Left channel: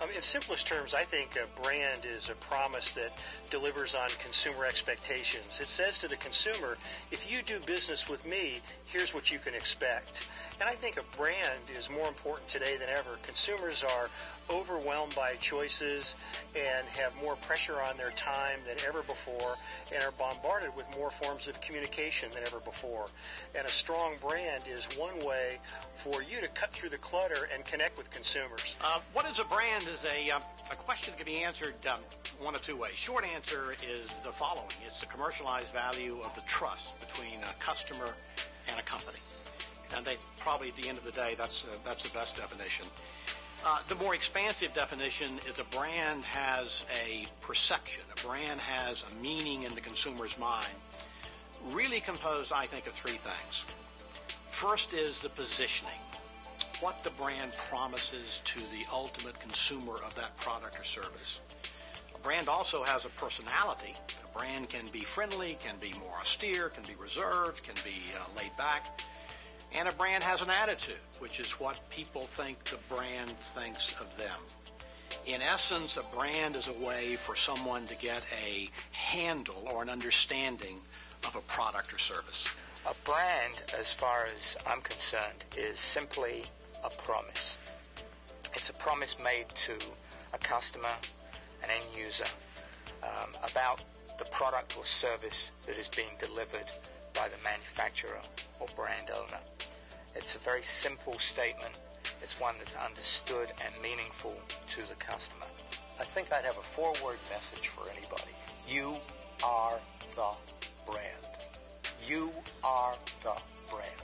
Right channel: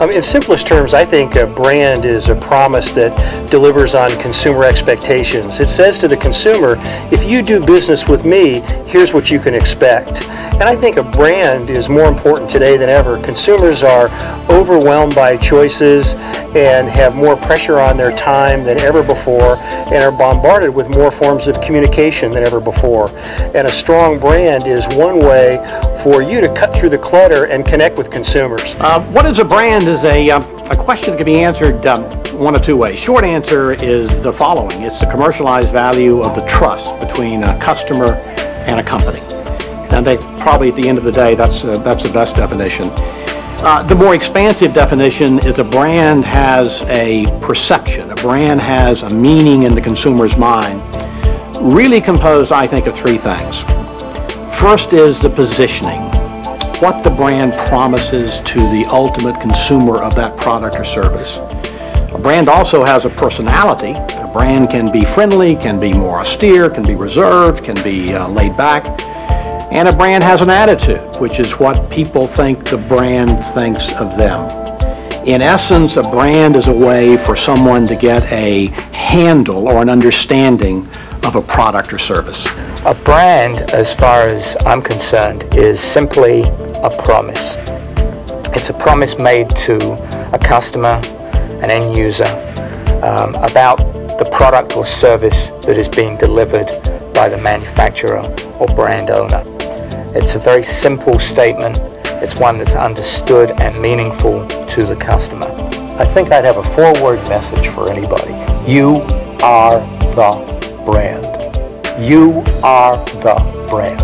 In simplest terms, I think a brand is a promise that delivers on consumer expectations. It says to the consumer, if you do business with me, here's what you can expect. And I think a brand is more important today than ever. Consumers are overwhelmed by choices and have more pressure on their time than ever before and are bombarded with more forms of communication than ever before. And a strong brand is one way for you to cut through the clutter and connect with consumers. What is a brand is a question that can be answered one of two ways. Short answer is the following. It's the commercialized value of the trust between a customer and a company. And I think probably at the end of the day, that's the best definition. The more expansive definition is a brand has a perception. A brand has a meaning in the consumer's mind, really composed, I think, of three things. First is the positioning, what the brand promises to the ultimate consumer of that product or service. A brand also has a personality. A brand can be friendly, can be more austere, can be reserved, can be laid back. And a brand has an attitude, which is what people think the brand thinks of them. In essence, a brand is a way for someone to get a handle or an understanding of a product or service. A brand, as far as I'm concerned, is simply a promise. It's a promise made to a customer, an end user, about the product or service that is being delivered by the manufacturer or brand owner. It's a very simple statement. It's one that's understood and meaningful to the customer. I think I'd have a four-word message for anybody. You are the brand. You are the brand.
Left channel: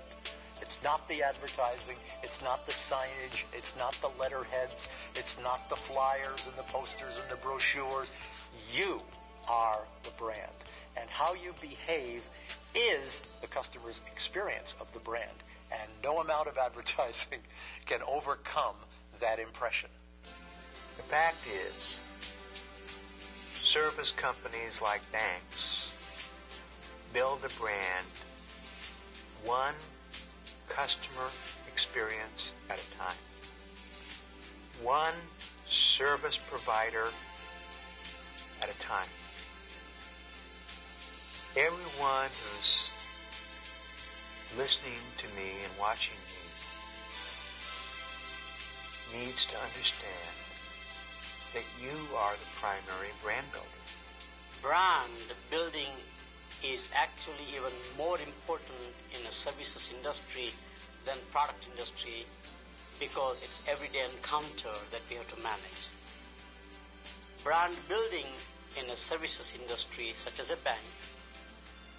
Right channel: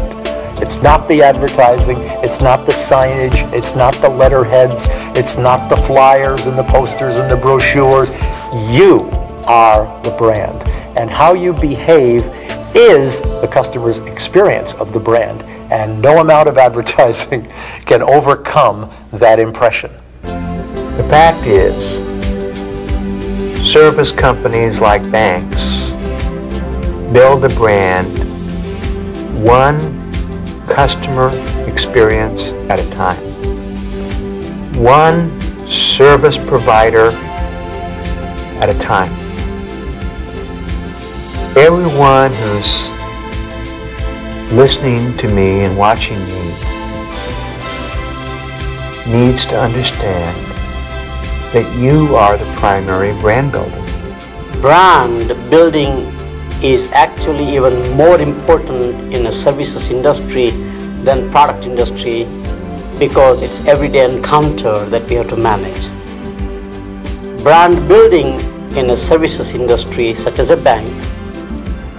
It's not the advertising, it's not the signage, it's not the letterheads, it's not the flyers and the posters and the brochures. You are the brand. And how you behave is the customer's experience of the brand. And no amount of advertising can overcome that impression. The fact is, service companies like banks build a brand one customer experience at a time. One service provider at a time. Everyone who's listening to me and watching me needs to understand that you are the primary brand builder. Brand building is actually even more important in a services industry than product industry because it's everyday encounter that we have to manage. Brand building in a services industry such as a bank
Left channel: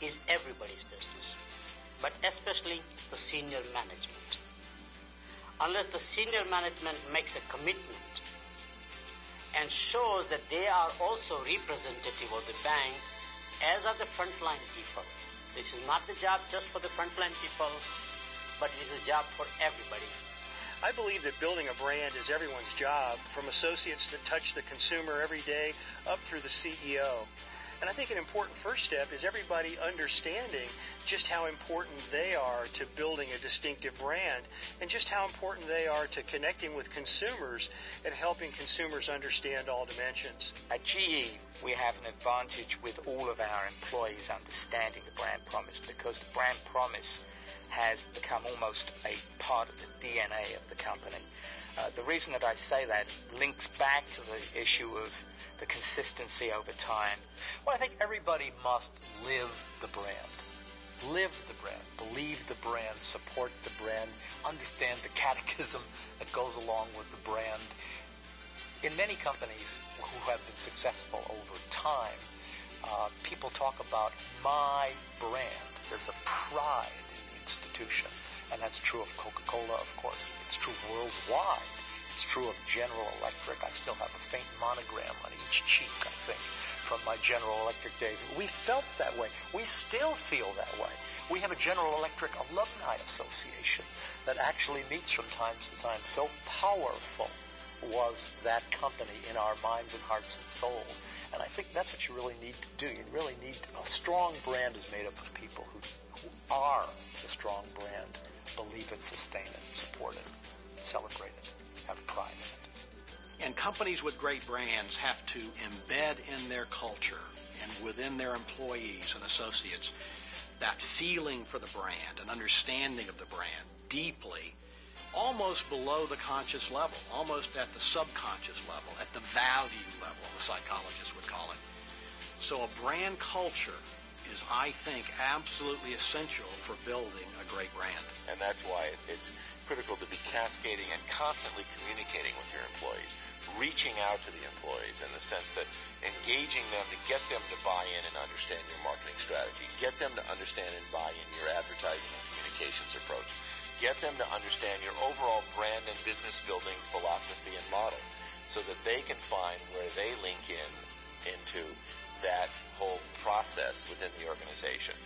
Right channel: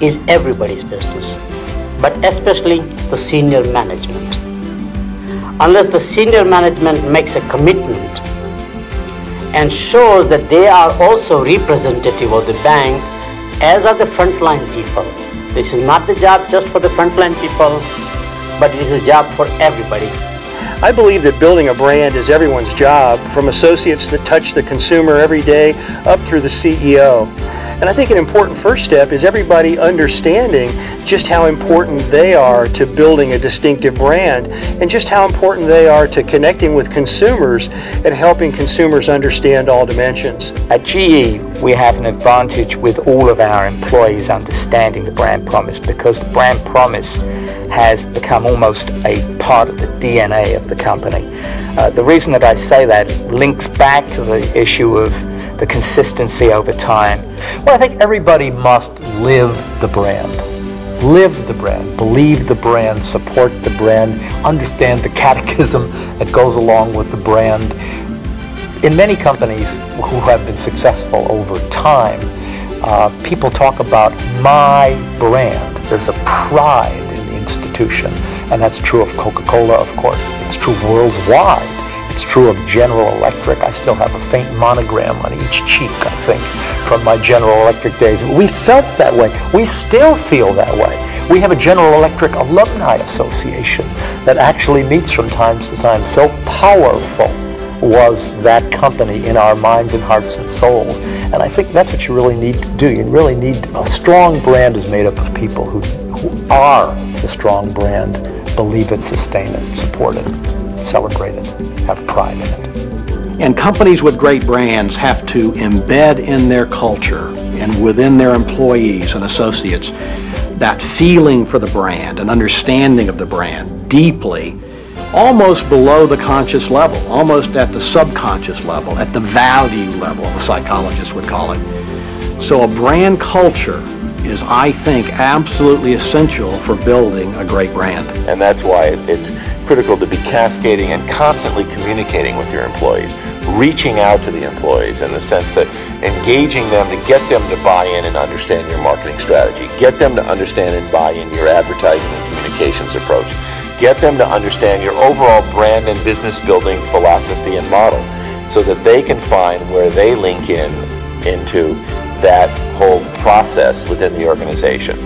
is everybody's business, but especially the senior management. Unless the senior management makes a commitment and shows that they are also representative of the bank, as are the frontline people. This is not the job just for the frontline people, but it is a job for everybody. I believe that building a brand is everyone's job, from associates that touch the consumer every day up through the CEO. And I think an important first step is everybody understanding just how important they are to building a distinctive brand and just how important they are to connecting with consumers and helping consumers understand all dimensions. At GE, we have an advantage with all of our employees understanding the brand promise because the brand promise has become almost a part of the DNA of the company. The reason that I say that links back to the issue of the consistency over time. Well, I think everybody must live the brand. Live the brand, believe the brand, support the brand, understand the catechism that goes along with the brand. In many companies who have been successful over time, people talk about my brand. There's a pride in the institution, and that's true of Coca-Cola, of course. It's true worldwide. It's true of General Electric. I still have a faint monogram on each cheek, I think, from my General Electric days. We felt that way. We still feel that way. We have a General Electric Alumni Association that actually meets from time to time. So powerful was that company in our minds and hearts and souls. And I think that's what you really need to do. You really need a strong brand is made up of people who are the strong brand, believe it, sustain it, support it, celebrate it, have pride in it. And companies with great brands have to embed in their culture and within their employees and associates that feeling for the brand, an understanding of the brand deeply, almost below the conscious level, almost at the subconscious level, at the value level, the psychologists would call it. So a brand culture is, I think, absolutely essential for building a great brand. And that's why it's critical to be cascading and constantly communicating with your employees, reaching out to the employees in the sense that engaging them to get them to buy in and understand your marketing strategy, get them to understand and buy in your advertising and communications approach, get them to understand your overall brand and business building philosophy and model so that they can find where they link into that whole process within the organization.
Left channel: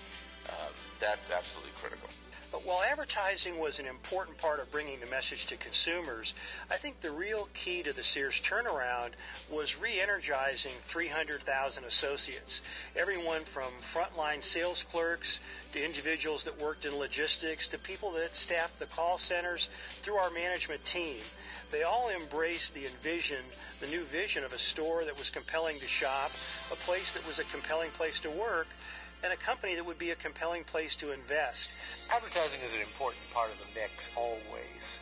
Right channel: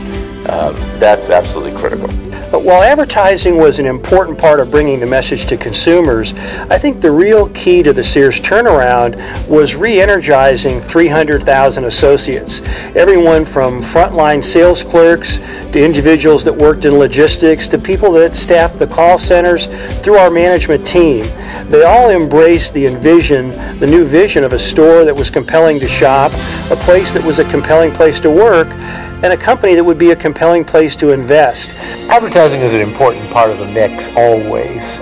That's absolutely critical. But while advertising was an important part of bringing the message to consumers, I think the real key to the Sears turnaround was re-energizing 300,000 associates. Everyone from frontline sales clerks to individuals that worked in logistics to people that staffed the call centers through our management team. They all embraced the new vision of a store that was compelling to shop, a place that was a compelling place to work, and a company that would be a compelling place to invest. Advertising is an important part of the mix always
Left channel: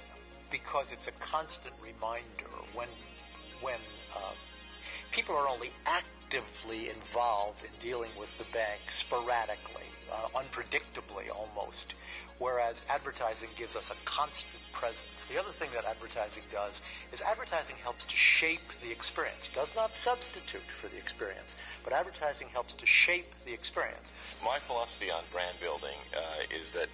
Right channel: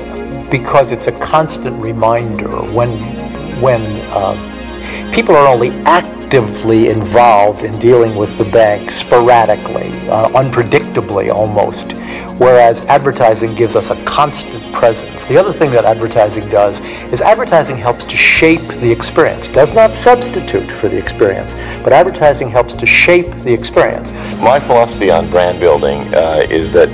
because it's a constant reminder when people are only actively involved in dealing with the bank sporadically, unpredictably almost, whereas advertising gives us a constant presence. The other thing that advertising does is advertising helps to shape the experience. Does not substitute for the experience, but advertising helps to shape the experience. My philosophy on brand building is that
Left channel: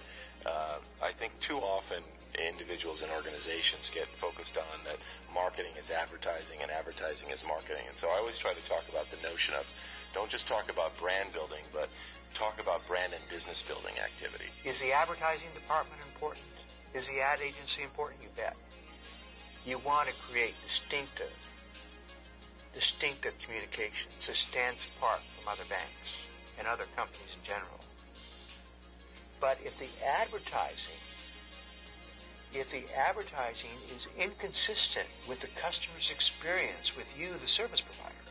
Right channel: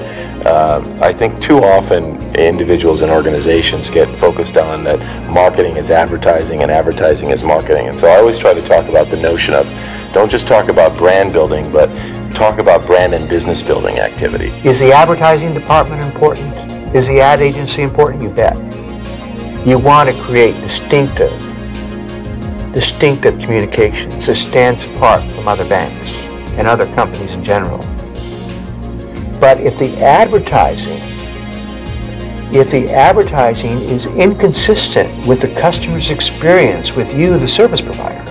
I think too often individuals and organizations get focused on that marketing is advertising and advertising is marketing. And so I always try to talk about the notion of don't just talk about brand building, but talk about brand and business building activity. Is the advertising department important? Is the ad agency important? You bet. You want to create distinctive communications that stands apart from other banks and other companies in general. But if the advertising is inconsistent with the customer's experience with you, the service provider,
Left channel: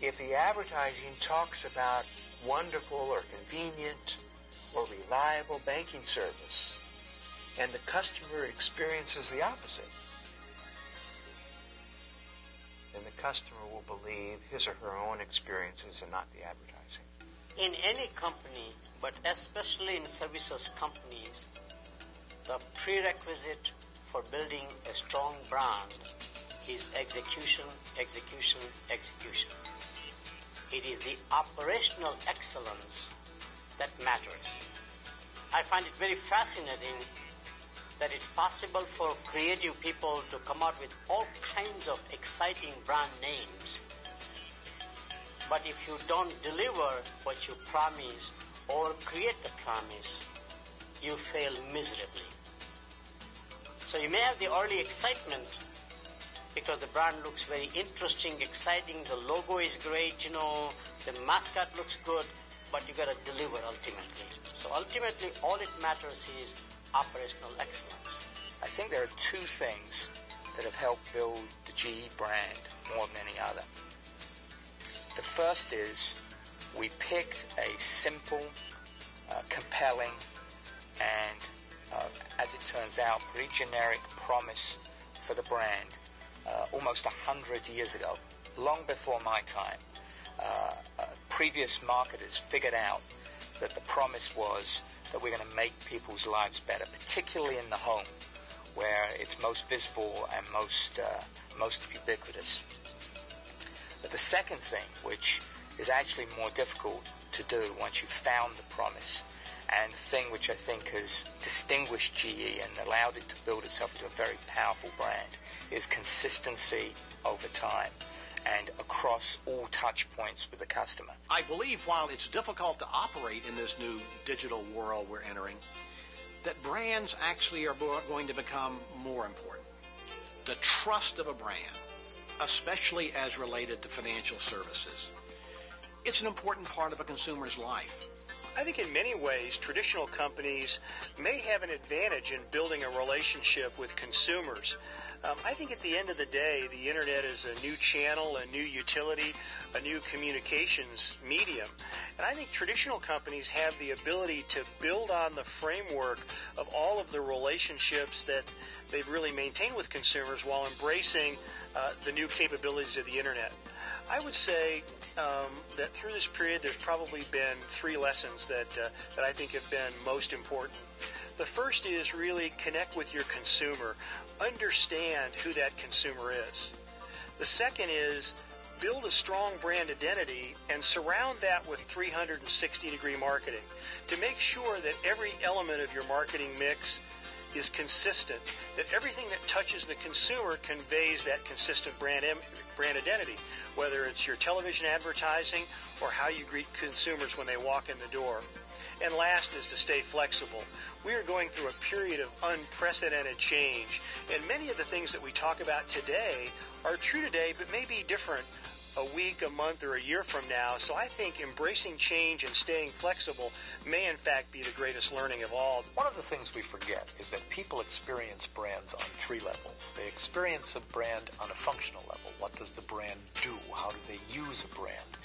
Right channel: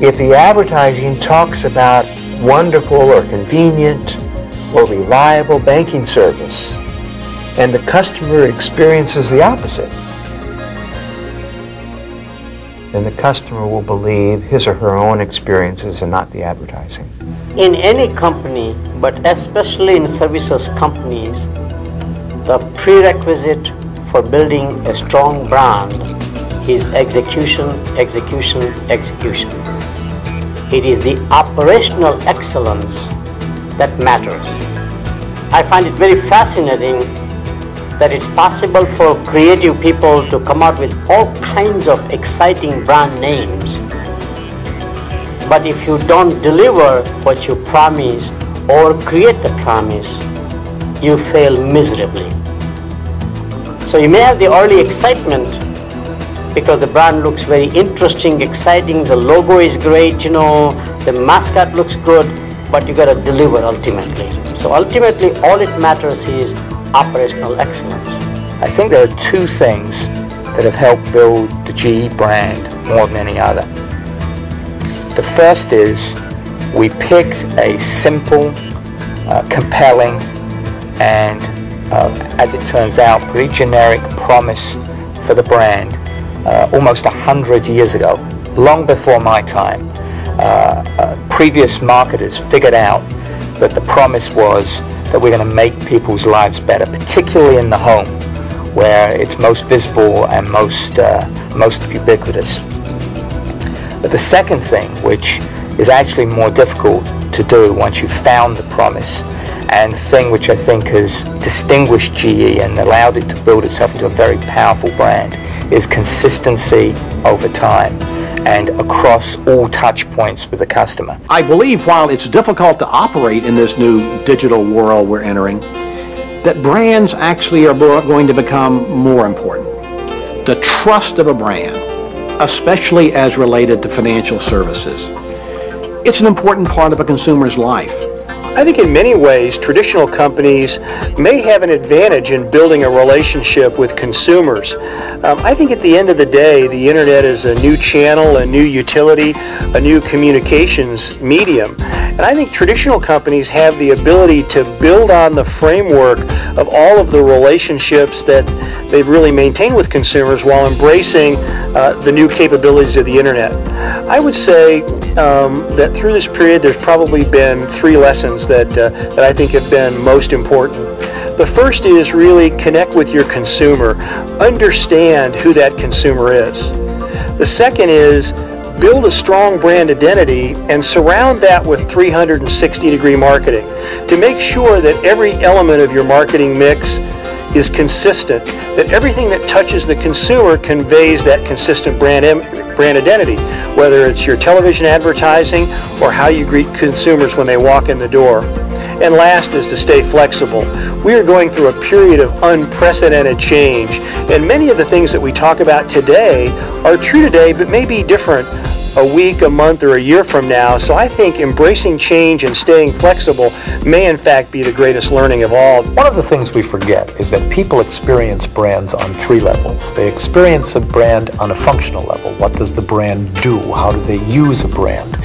if the advertising talks about wonderful or convenient or reliable banking service and the customer experiences the opposite, then the customer will believe his or her own experiences and not the advertising. In any company, but especially in services companies, the prerequisite for building a strong brand is execution, execution, execution. It is the operational excellence that matters. I find it very fascinating that it's possible for creative people to come out with all kinds of exciting brand names. But if you don't deliver what you promise or create the promise, you fail miserably. So you may have the early excitement because the brand looks very interesting, exciting, the logo is great, the mascot looks good, but you gotta deliver ultimately. So ultimately, all it matters is operational excellence. I think there are two things that have helped build the GE brand more than any other. The first is we picked a simple, compelling, and as it turns out, pretty generic promise for the brand almost 100 years ago, long before my time. Previous marketers figured out that the promise was that we're going to make people's lives better, particularly in the home, where it's most visible and most ubiquitous. But the second thing, which is actually more difficult to do once you've found the promise, and the thing which I think has distinguished GE and allowed it to build itself into a very powerful brand, is consistency over time and across all touch points with the customer. I believe while it's difficult to operate in this new digital world we're entering, that brands actually are going to become more important. The trust of a brand, especially as related to financial services. It's an important part of a consumer's life. I think in many ways, traditional companies may have an advantage in building a relationship with consumers. I think at the end of the day, the internet is a new channel, a new utility, a new communications medium. And I think traditional companies have the ability to build on the framework of all of the relationships that they've really maintained with consumers while embracing the new capabilities of the internet. I would say that through this period, there's probably been 3 lessons that I think have been most important. The first is really connect with your consumer. Understand who that consumer is. The second is build a strong brand identity and surround that with 360-degree marketing to make sure that every element of your marketing mix is consistent, that everything that touches the consumer conveys that consistent brand identity, whether it's your television advertising or how you greet consumers when they walk in the door. And last is to stay flexible. We are going through a period of unprecedented change, and many of the things that we talk about today are true today, but may be different a week, a month, or a year from now. So I think embracing change and staying flexible may in fact be the greatest learning of all. One of the things we forget is that people experience brands on 3 levels. They experience a brand on a functional level. What does the brand do? How do they use a brand?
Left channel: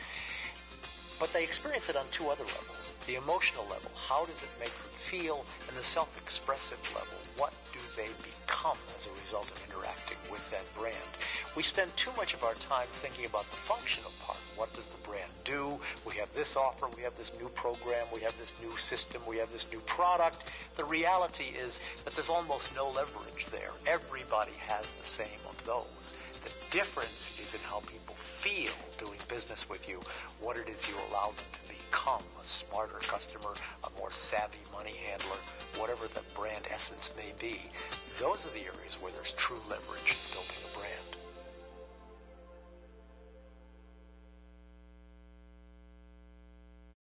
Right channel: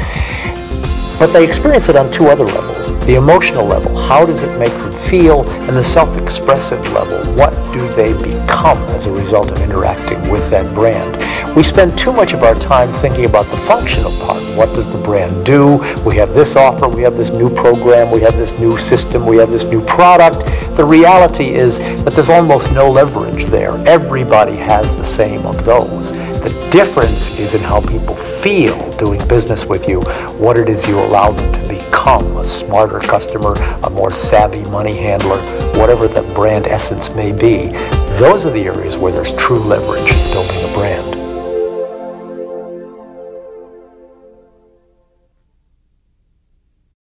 But they experience it on 2 other levels. The emotional level, how does it make them feel? And the self-expressive level, what do they become as a result of interacting with that brand? We spend too much of our time thinking about the functional part. What does the brand do? We have this offer, we have this new program, we have this new system, we have this new product. The reality is that there's almost no leverage there. Everybody has the same of those. The difference is in how people feel doing business with you, what it is you allow them to become, a smarter customer, a more savvy money handler, whatever that brand essence may be. Those are the areas where there's true leverage in building a brand.